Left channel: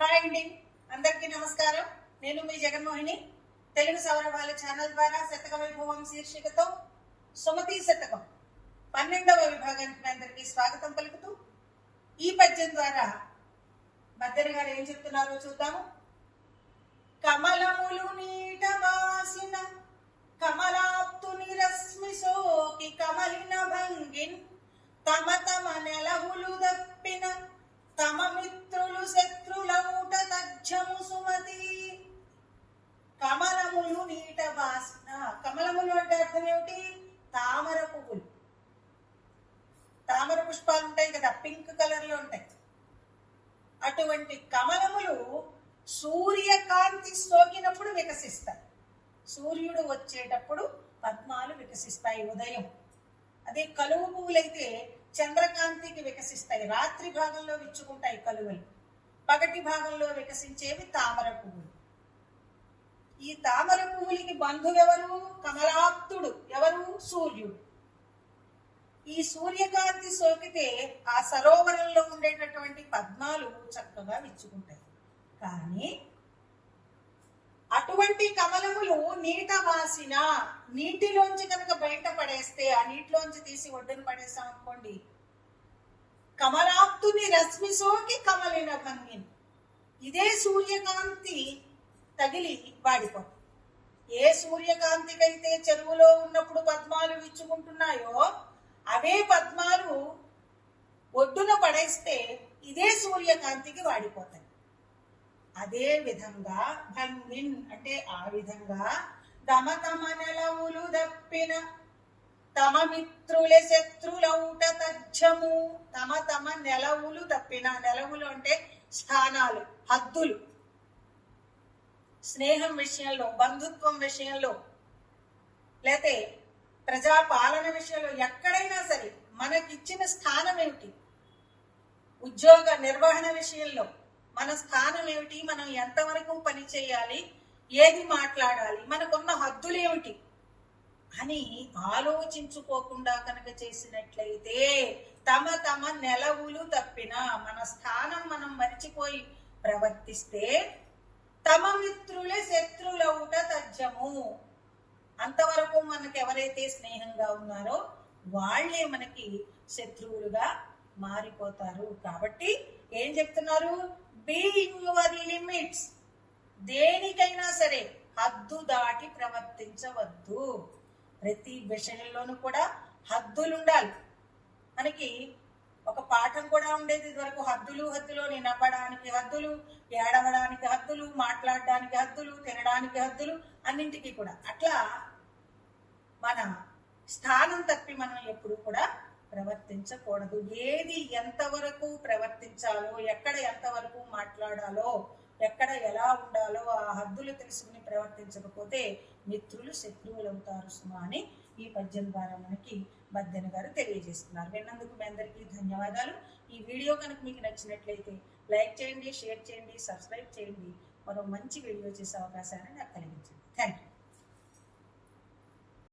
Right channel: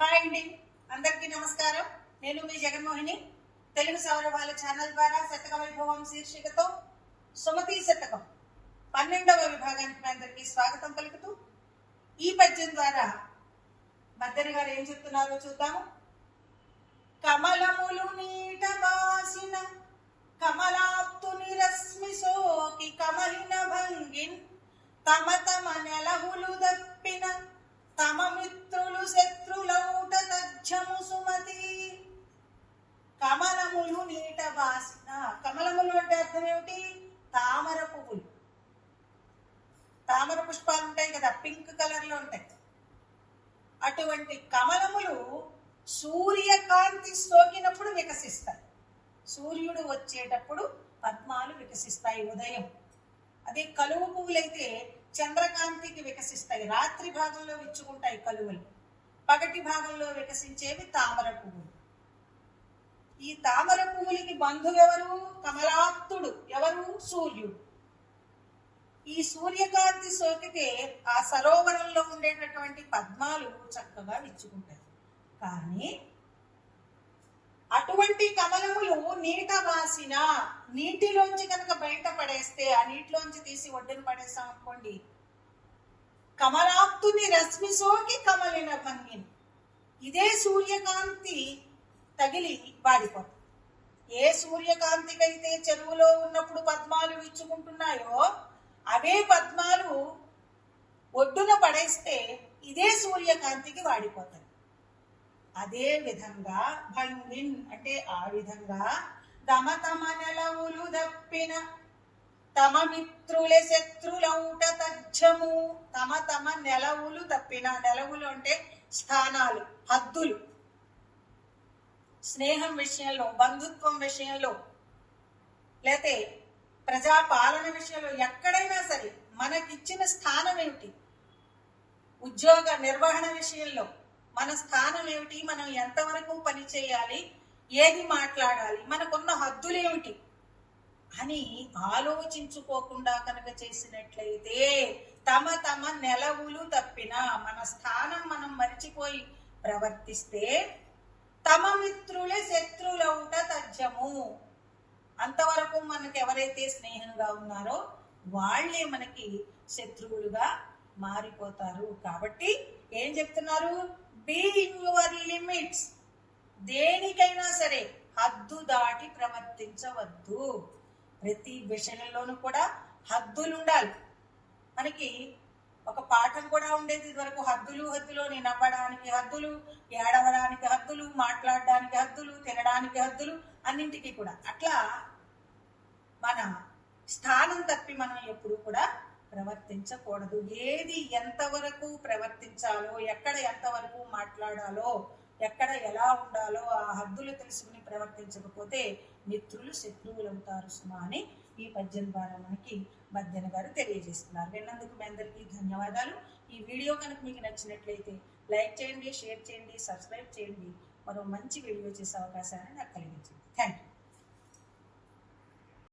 Hi అండి, అందరికీ నమస్కారం. నేను మీ జగన్మోహిని. తెలుగు సౌరభాల ఛానల్ ద్వారా శతక వైభవం శీర్షికతో సుమతి శతకం 12వ విభాగానికి అందరికీ స్వాగతం పలుకుతూ ఈ పద్యం ద్వారా బద్దెని గారు ఏం చెప్తున్నారో చూద్దాము. కమలములు నీట వాసిన కమలాప్తుని రశ్మి సోకి కమలిన భంగిన్ తమ తమ నెలవులు దప్పిన తమ మిత్రులు శత్రులౌట తజ్జము సుమతి. కమలములు నీట వాసిన, కమలములు అంటే అర్థం ఏమిటి? తామర పువ్వులు. తామర పుష్పాలు ఉంటాయి కదా, పింక్ కలర్ లో ఉంటాయి. అటువంటి కమలములు సూర్యకాంతి సోకినప్పుడు వికసిస్తాయి. సూర్యుడు వచ్చేటప్పుడు పద్మాలు వికసిస్తాయి ఉదయం. అదే కలువ పువ్వులైతే చంద్రకాంతికి వికసిస్తాయి, రాత్రి భాగంలో విచ్చుకుంటాయి కలువలు. పగటి భాగంలో వికసించేవి తామర పువ్వులు. ఈ తామర పువ్వులకి బంధువెవరు? కమలాప్తుడు. ఎవరు? సూర్యుడు. ఈ సూర్యకాంతి సోకితే ఆ సరోవరంలో ఉండేటటువంటి పద్మాలు చక్కగా విచ్చుకుంటాయి. కానీ అటువంటి కమలములు నీట వాసిన, నీటిలోంచి కనుక బయట పడేస్తే, ఆ నీటిలోంచి తీసి ఒడ్డును పడేస్తాం అనుకోండి, కమలాప్తుని రశ్మి సోకి కమలిన భంగిని, ఇదే సూర్యకాంతి తగిలి వాడిపోతుంది. ఏ సూర్యకాంతికైతే చెరువులో ఉన్నప్పుడు పద్మాలు విచ్చుకుంటున్నాయో అవే పద్మాలు ఒడ్డున పడేస్తే ఇదే సూర్యకాంతికి వాడిపోతాయి. అదే విధంగా భంగిన్ అంటే ఆ విధంగా తమ తమ నెలవులు దప్పిన తమ మిత్రుల శత్రులౌట తజ్జము. తమ తమ నెలవులు తప్పిన, నెలవులు అంటే స్థానాలు, హద్దులు. స్నేహం విషయంలో, బంధుత్వం విషయంలో, లేతే ప్రజాపాలన విషయంలో, ఎక్కడైనా సరే మనకిచ్చిన స్థానం ఏమిటి? ఉద్యోగ నిర్వహణ విషయంలో మన స్థానం ఏమిటి? మనం ఎంతవరకు పని చేయాలి, ఏది మాట్లాడాలి, మనకున్న హద్దులు ఏమిటి అని ఆలోచించుకోకుండా కనుక చేసినట్లయితే, తమ తమ నెలవులు తప్పిన, మన స్థానం మనం మర్చిపోయి ప్రవర్తిస్తే, తమ మిత్రులే శత్రులౌట తజ్జము. అంతవరకు మనకు ఎవరైతే స్నేహంగా ఉన్నారో వాళ్లే మనకి శత్రువులుగా మారిపోతారు. కాబట్టి ఏం చెప్తున్నారు? Be in your limits. దేనికైనా సరే హద్దు దాటి ప్రవర్తించవద్దు. ప్రతి విషయంలోనూ కూడా హద్దులు ఉండాలి. మనకి ఒక పాఠం కూడా ఉండేది ఇదివరకు, హద్దులు హద్దులు. నవ్వడానికి హద్దులు, ఏడవడానికి హద్దులు, మాట్లాడడానికి హద్దులు, తినడానికి హద్దులు, అన్నింటికీ కూడా. అట్లా మన స్థానం తప్పి మనం ఎప్పుడు కూడా ప్రవర్తించకూడదు. ఏది ఎంతవరకు ప్రవర్తించాలో, ఎక్కడ ఎంతవరకు మాట్లాడాలో, ఎక్కడ ఎలా ఉండాలో ఆ హద్దులు తెలుసుకుని ప్రవర్తించకపోతే మిత్రులు శత్రువులు అవుతారు సుమా అని ఈ పద్యం ద్వారా మనకి బద్దెన గారు తెలియజేస్తున్నారు. విన్నందుకు మీ అందరికీ ధన్యవాదాలు. ఈ వీడియో కనుక మీకు నచ్చినట్లయితే లైక్ చేయండి, షేర్ చేయండి, సబ్స్క్రైబ్ చేయండి. మరో మంచి వీడియో చేసే అవకాశాన్ని నాకు కలిగించండి. Thank you.